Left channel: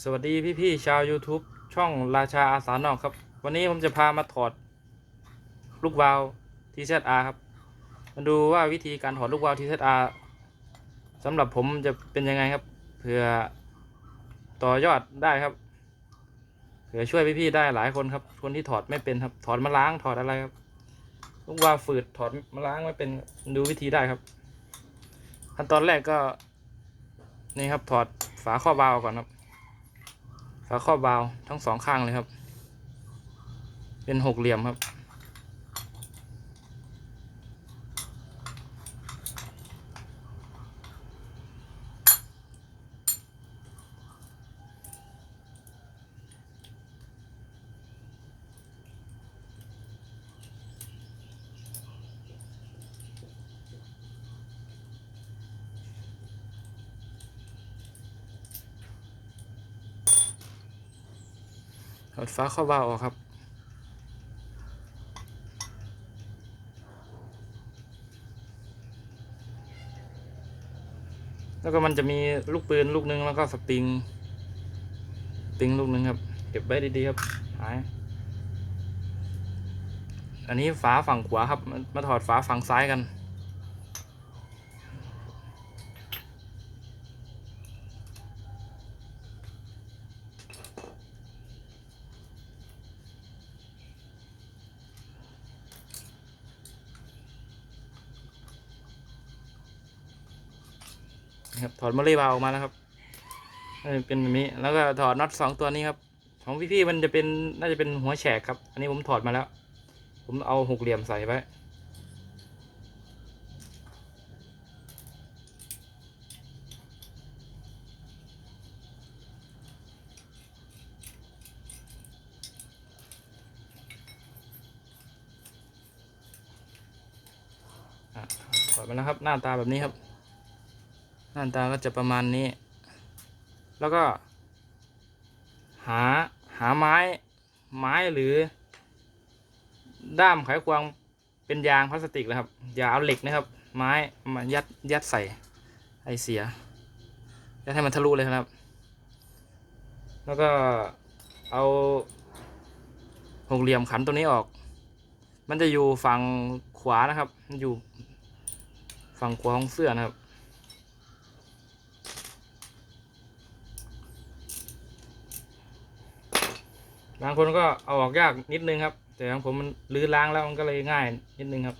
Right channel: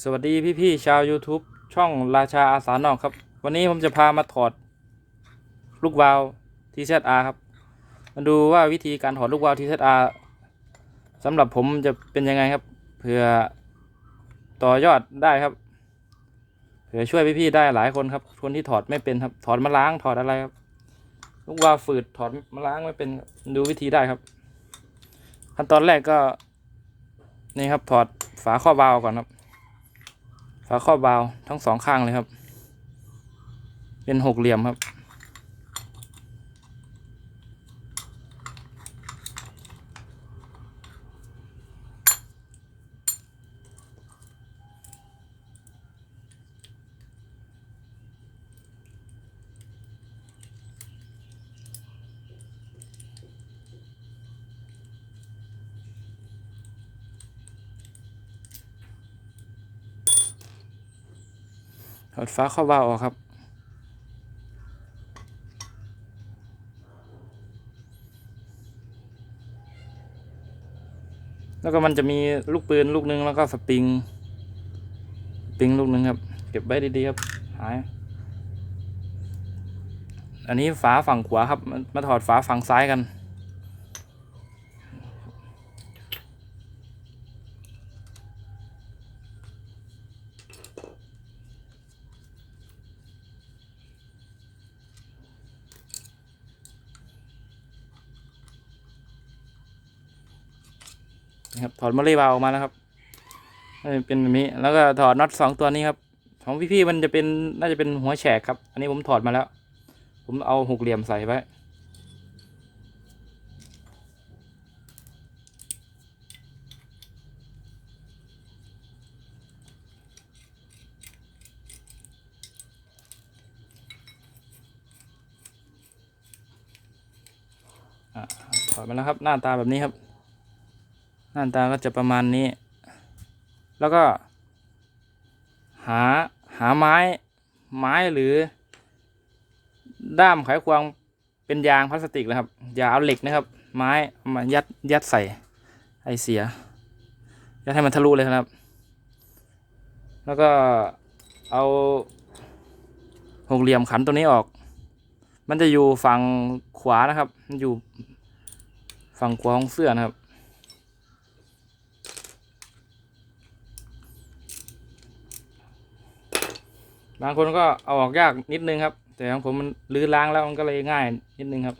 สวัสดีพี่ ๆ ชาว YouTube ช่องราชาอาสานอกครับ วันนี้ผมจะพามาถอด ลูกวาล์ว TZR ครับ มาดูว่าวิธีการถอดลูกวาล์ว TZR สำหรับผมจะเป็นยังไงครับ เผื่อต่อยอดได้ครับ เผื่อช่วยพี่ ๆ ได้หลายคนครับ คนที่ถอดไม่เป็นครับ ถอดมาล้างถอดอะไรครับ ลูกวาล์วฝืดถอดมาล้างไม่เป็นดูวิธีได้ครับ ขั้นตอนแรกก็นี่ครับถอดฝาข้อบาล์วก่อนครับ ฝาครอบบาวทั้งสองข้างเลยครับ เป็นหกเหลี่ยมครับ ดฝาครอบบาวออกครับแล้วก็มันจะมีลูกปืนลูกหนึงแล้วก็สปริงสปริงลูกหนึงครับ เก็บไว้ดีๆครับหายอันนี้ฝาฝั่งขวาครับ มาถอดฝาฝั่งซ้ายกัน ครับถอดมาเลยบาออกมาแล้วครับเป็นแบบนี้แล้วก็ถอดน็อตสองตัวนี้ครับ ของพี่ๆมันจะเป็นน่าจะเป็นหัวแฉกครับ อันนี้ผมถอดมาแล้ว ผมเอาหกเหลี่ยมใส่ไว้ถอดมาแล้วครับ หน้าตาแบบนี้ครับ หน้าตาก็จะประมาณนี้ แล้วก็ หาหาไม้ไม้หรือ ด้ามไขควงเป็นยางพลาสติกนะครับ อย่าเอาเหล็กนะครับ ไม้มายัดยัดใส่ไอเสียยัดให้มันทะลุเลยครับ แล้วก็เอาหกเหลี่ยมขันตัวนี้ออก มันจะอยู่ฝั่งขวานะครับ มันอยู่ฝั่งขวาของเสื้อนะครับ บางคนก็เอาออกยากนิดนึงครับ แต่ของผมมันลื้อล้างแล้วมันก็เลยง่ายนิดนึงครับ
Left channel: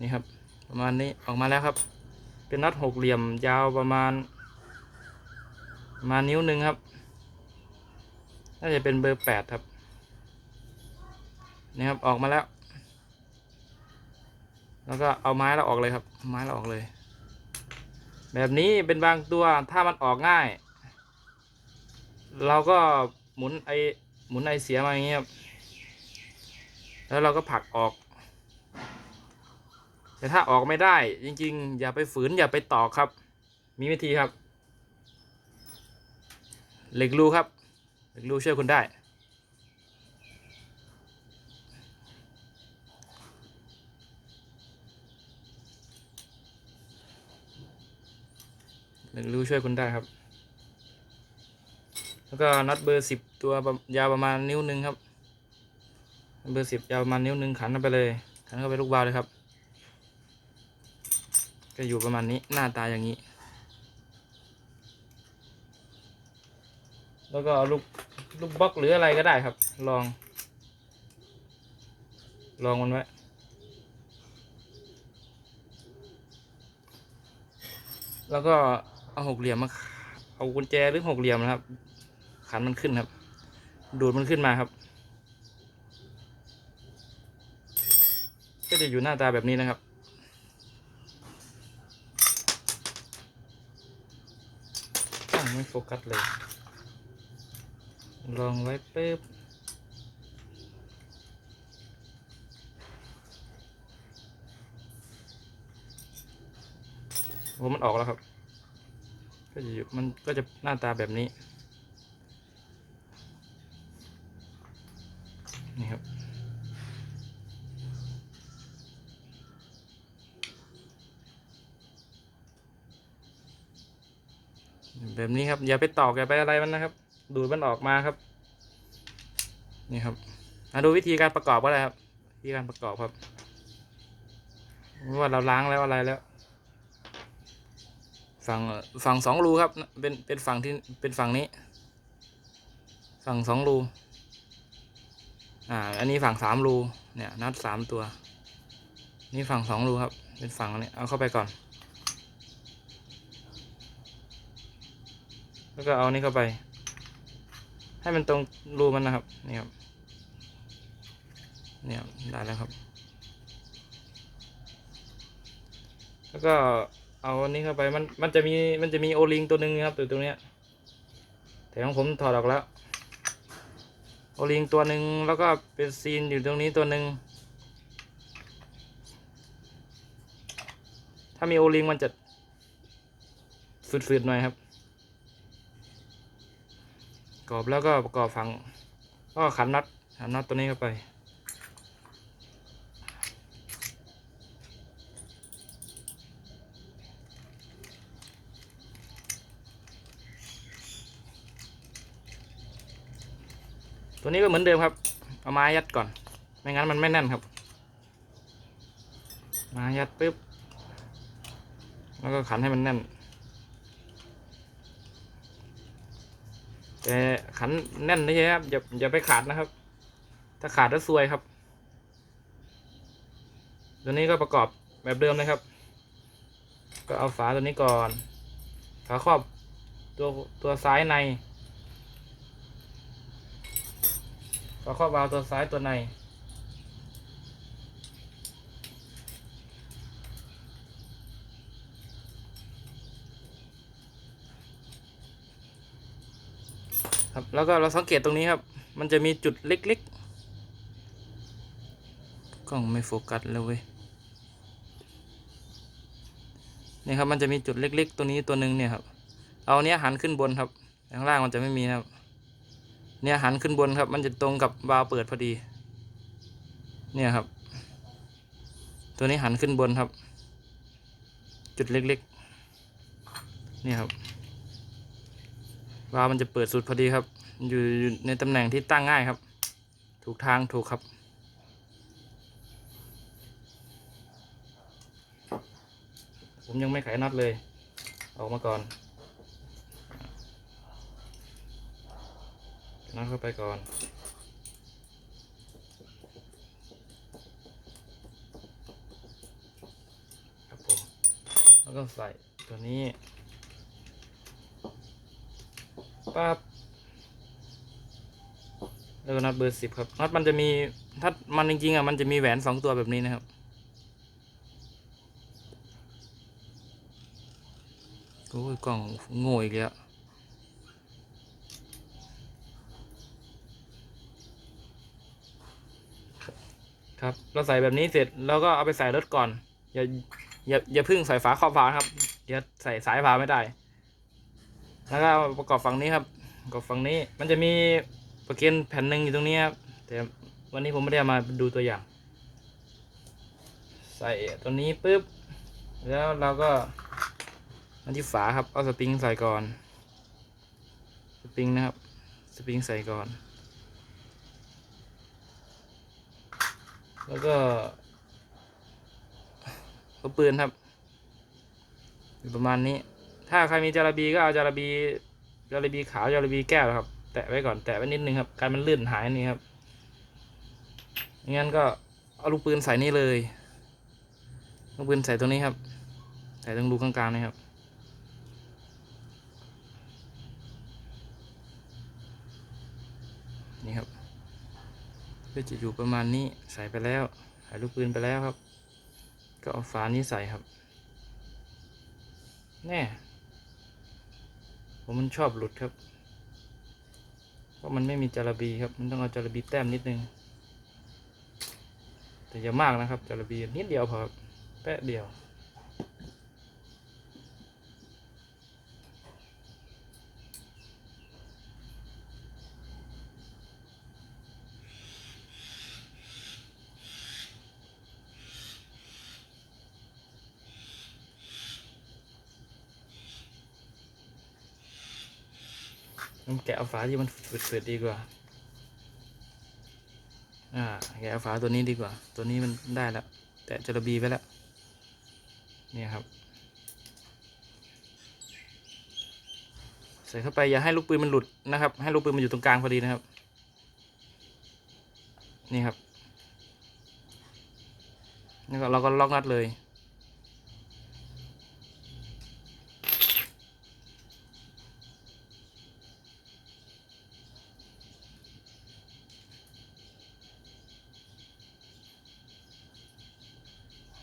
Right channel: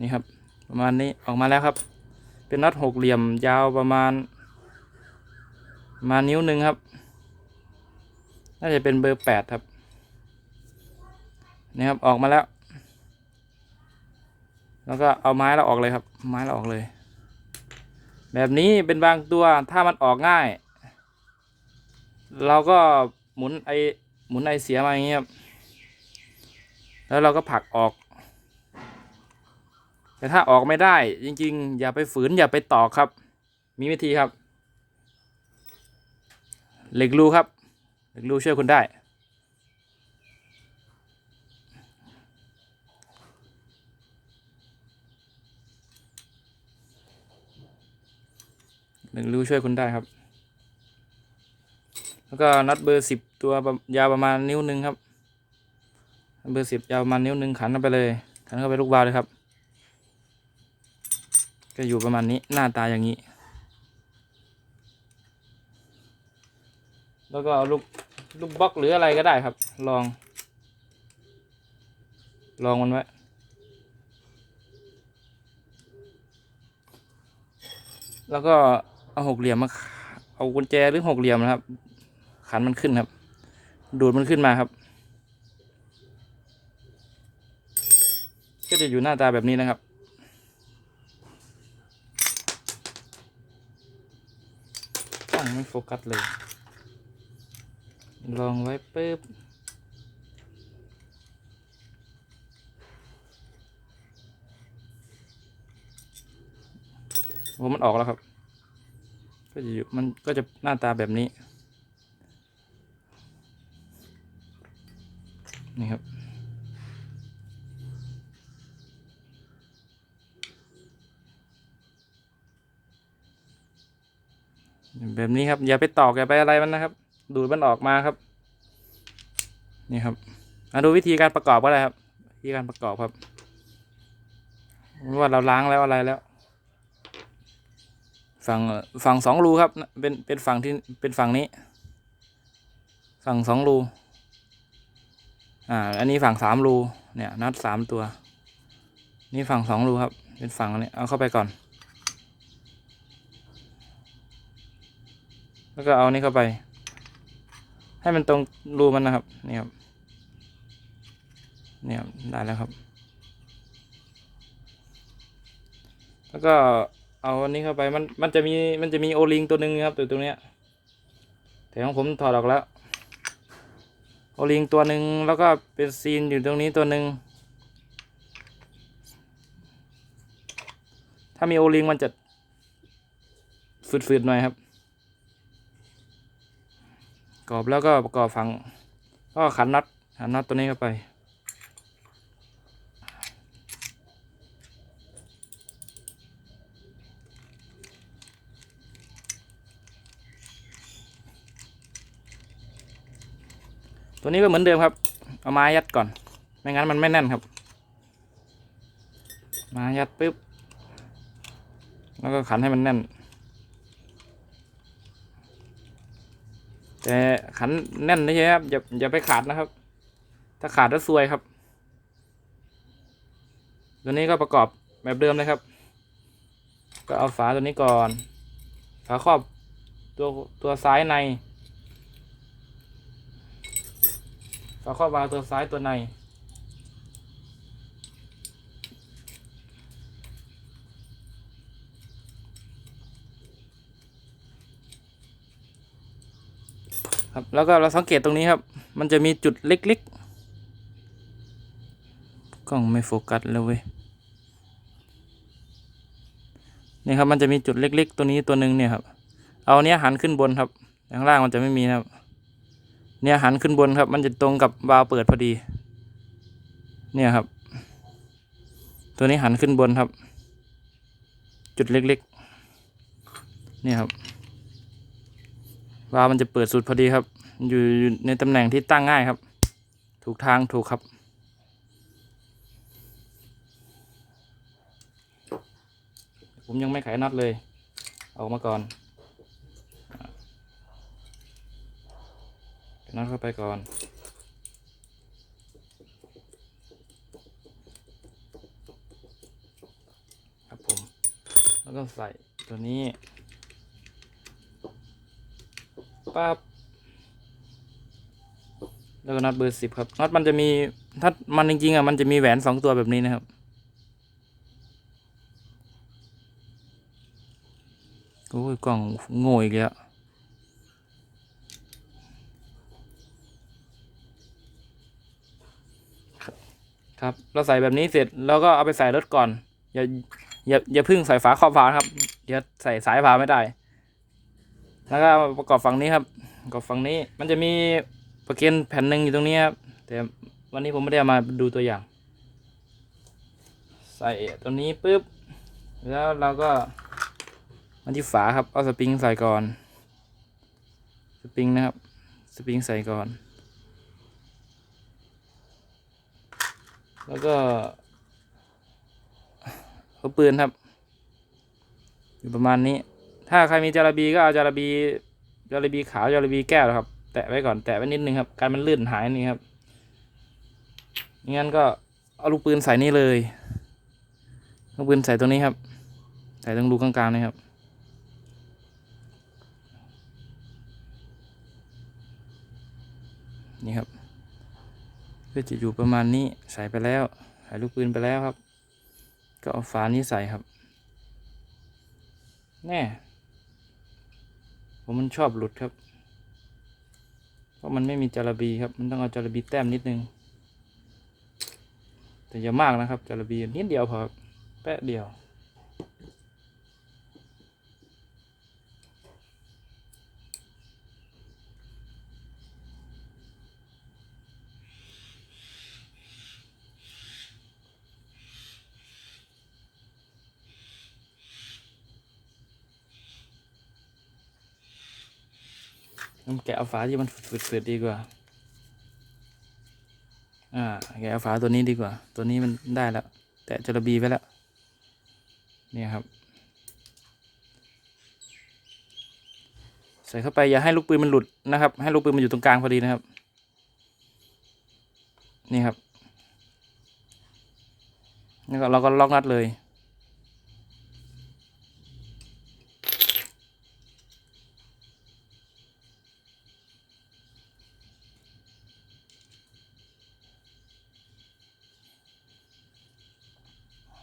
นี่ครับ ประมาณนี้ออกมาแล้วครับ เป็นน็อตหกเหลี่ยมยาวประมาณ มานิ้วหนึ่งครับ น่าจะเป็นเบอร์แปดครับ นี่ครับออกมาแล้ว แล้วก็เอาไม้เราออกเลยครับ ไม้เราออกเลย แบบนี้เป็นบางตัวถ้ามันออกง่าย เราก็หมุนไอหมุนไอเสียมาอย่างเงี้ยครับแล้วเราก็ผลักออก แต่ถ้าออกไม่ได้ จริง ๆ อย่าไปฝืนอย่าไปตอกครับ มีวิธีครับ เหล็กรูครับ เหล็กรูช่วยคุณได้ หล็กรูช่วยคุณได้ครับ แล้วก็น็อตเบอร์สิบตัวยาวประมาณนิ้วหนึ่งครับเบอร์สิบยาวประมาณนิ้วหนึ่งขันเข้าไปเลย ขันเข้าไปลูกบาลเลยครับ ก็อยู่ประมาณนี้หน้าตาอย่างนี้ แล้วก็เอาลูกลูกบล็อกหรืออะไรก็ได้ครับ ลอง ลองมันไว้แล้วก็ เอาหกเหลี่ยมมาเอากุญแจหรือหกเหลี่ยมนะครับ ขันมันขึ้นครับ ดูดมันขึ้นมาครับ ก็จะอยู่หน้าตาแบบนี้นะครับตั้งไม่โฟกัสเลย ลองไว้ปุ๊บผมมันออกแล้วครับ ก็จะอยู่มันก็จะหน้าตาแบบนี้ นี่ครับ แบบนี้ครับ อย่าไปตอกอย่าไปอะไรมันนะครับ ดูดมันออกมาครับ นี่ครับมาดูวิธีการประกอบก็ได้ครับ วิธีการประกอบครับว่าเราล้างแล้วอะไรแล้ว ฝั่งฝั่งสองรูครับ เป็นเป็นฝั่งที่เป็นฝั่งนี้ ฝั่งสองรูอ่าอันนี้ฝั่งสามรูเนี่ยนัดสามตัว นี่ฝั่งสองรูครับ เป็นฝั่งนี้เอาเข้าไปก่อน แล้วก็เอานี่เข้าไป ให้มันตรงรูมันนะครับนี่ครับเนี่ยครับได้แล้วครับ แล้วก็ เอาอันนี้เข้าไปมันมันจะมีมันจะมีโอลิงตัวหนึ่งครับตัวตรงเนี้ยแต่ของผมถอดออกแล้ว โอลิงตัวหนึ่งแล้วก็เป็นซีนอยู่ตรงนี้ตัวหนึ่งถ้ามีโอลิงมันจะฝืดๆหน่อยครับกรอบแล้วก็ประกอบฝังก็ขันน็อตขันน็อตตัวนี้เข้าไป ตัวนี้ก็เหมือนเดิมครับ เอาไม้ยัดก่อน ไม่งั้นมันไม่แน่นครับ มายัดปึ๊บ แล้วก็ขันให้มันแน่น แต่ขันแน่นนี่ครับ อย่าอย่าไปขาดนะครับ ถ้าขาดแล้วซวยครับ ตัวนี้ก็ประกอบแบบเดิมเลยครับ ก็เอาฝาตัวนี้ก่อน ฝาครอบตัวตัวซ้ายใน ฝาครอวาล์วตัวซ้ายตัวใน ครับแล้วก็เราสังเกตตรงนี้ครับ มันจะมีจุดเล็กๆกล้องไม่โฟกัสแล้วเว้ยนี่ครับมันจะมีจุดเล็ก ๆ ตัวนี้ตัวหนึ่งเนี่ยครับ เอาเนี้ยหันขึ้นบนครับ ข้างล่างมันจะไม่มีครับ เนี่ยหันขึ้นบนครับ มันจะตรงกับวาล์วเปิดพอดี เนี่ยครับ ตัวนี้หันขึ้นบนครับ จุดเล็กๆ เนี่ยครับ วาล์วมันจะเปิดสุดพอดีครับ อยู่อยู่ในตำแหน่งที่ตั้งง่ายครับ ถูกทางถูกครับผมยังไม่ไขน็อตเลย ออกมาก่อน น็อตเข้าไปก่อน ครับผม แล้วก็ใส่ตัวนี้ปั๊บแล้วก็น็อตเบอร์สิบครับน็อตมันจะมีถ้ามันจริงๆอะมันจะมีแหวนสองตัวแบบนี้นะครับโอ้ยกล่องโง่อีกแล้ว ครับ เราใส่แบบนี้เสร็จแล้วก็เอาไปใส่รถก่อน อย่าอย่าอย่าพึ่งใส่ฝาครอบฝาครับเดี๋ยวใส่สายฝาไม่ได้ แล้วก็ประกอบฝั่งนี้ครับประกอบฝั่งนี้มันจะมีประเคนแผ่นหนึ่งอยู่ตรงนี้ครับแต่วันนี้ผมไม่ได้มาดูตัวอย่าง ใส่ตัวนี้ปุ๊บแล้วเราก็มาที่ฝาครับเอาสปริงใส่ก่อน สปริงนะครับ สปริงใส่ก่อน แล้วก็เอาปืนครับ อยู่ประมาณนี้ ถ้าใครมีจาระบีก็เอาจาระบีจาระบีขาวจาระบีแก้วนะครับ แตะไว้ก่อนแตะไว้นิดนึงครับ การมันลื่นหายนี่ครับงั้นก็เอาลูกปืนใส่นี่เลยลูกปืนใส่ตรงนี้ครับ ใส่ตรงรูกลางๆนี่ครับนี่ครับ ก็จะอยู่ประมาณนี้ใส่ไปแล้วใส่ลูกปืนไปแล้วครับ ก็เอาฝานี้ใส่ครับ แน่ผมมันชอบหลุดครับ เพราะมันไม่มีจาระบีครับ มันต้องเอาจาระบีแต้มนิดนึง แต่อย่ามากนะครับจาระบีนิดเดียวพอแป๊ะเดียว ผมแกะฝาที่มันฝืดๆดีกว่า อ่า แกะฝาตัวนี้ดีกว่า ตัวนี้มันได้แล้ว แตะจระบีไปแล้ว เนี่ยครับ ใส่เข้าไปอย่าให้ลูกปืนมันหลุดนะครับ ให้ลูกปืนมันอยู่ตรงกลางพอดีนะครับ นี่ครับนี่ก็เราก็ล็อกนัดเลย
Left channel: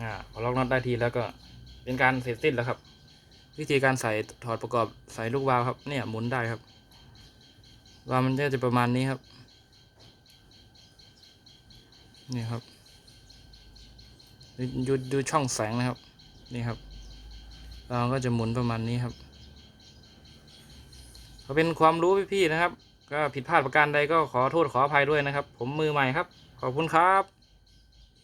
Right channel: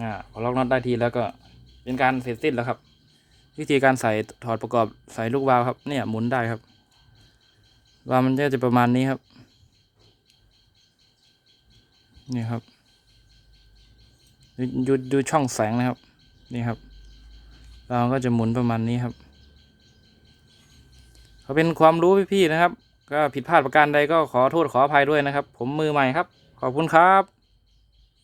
อ่าพอล็อกน็อตได้ทีแล้วก็เป็นการเสร็จสิ้นแล้วครับ วิธีการใส่ถอดประกอบใส่ลูกวาล์วครับ เนี่ยหมุนได้ครับวาล์วมันก็จะประมาณนี้ครับนี่ครับดูดูดูช่องแสงนะครับ นี่ครับวาล์วก็จะหมุนประมาณนี้ครับก็เป็นความรู้พี่ๆนะครับ ก็ผิดพลาดประการใดก็ขอโทษขออภัยด้วยนะครับ ผมมือใหม่ครับ ขอบคุณครับ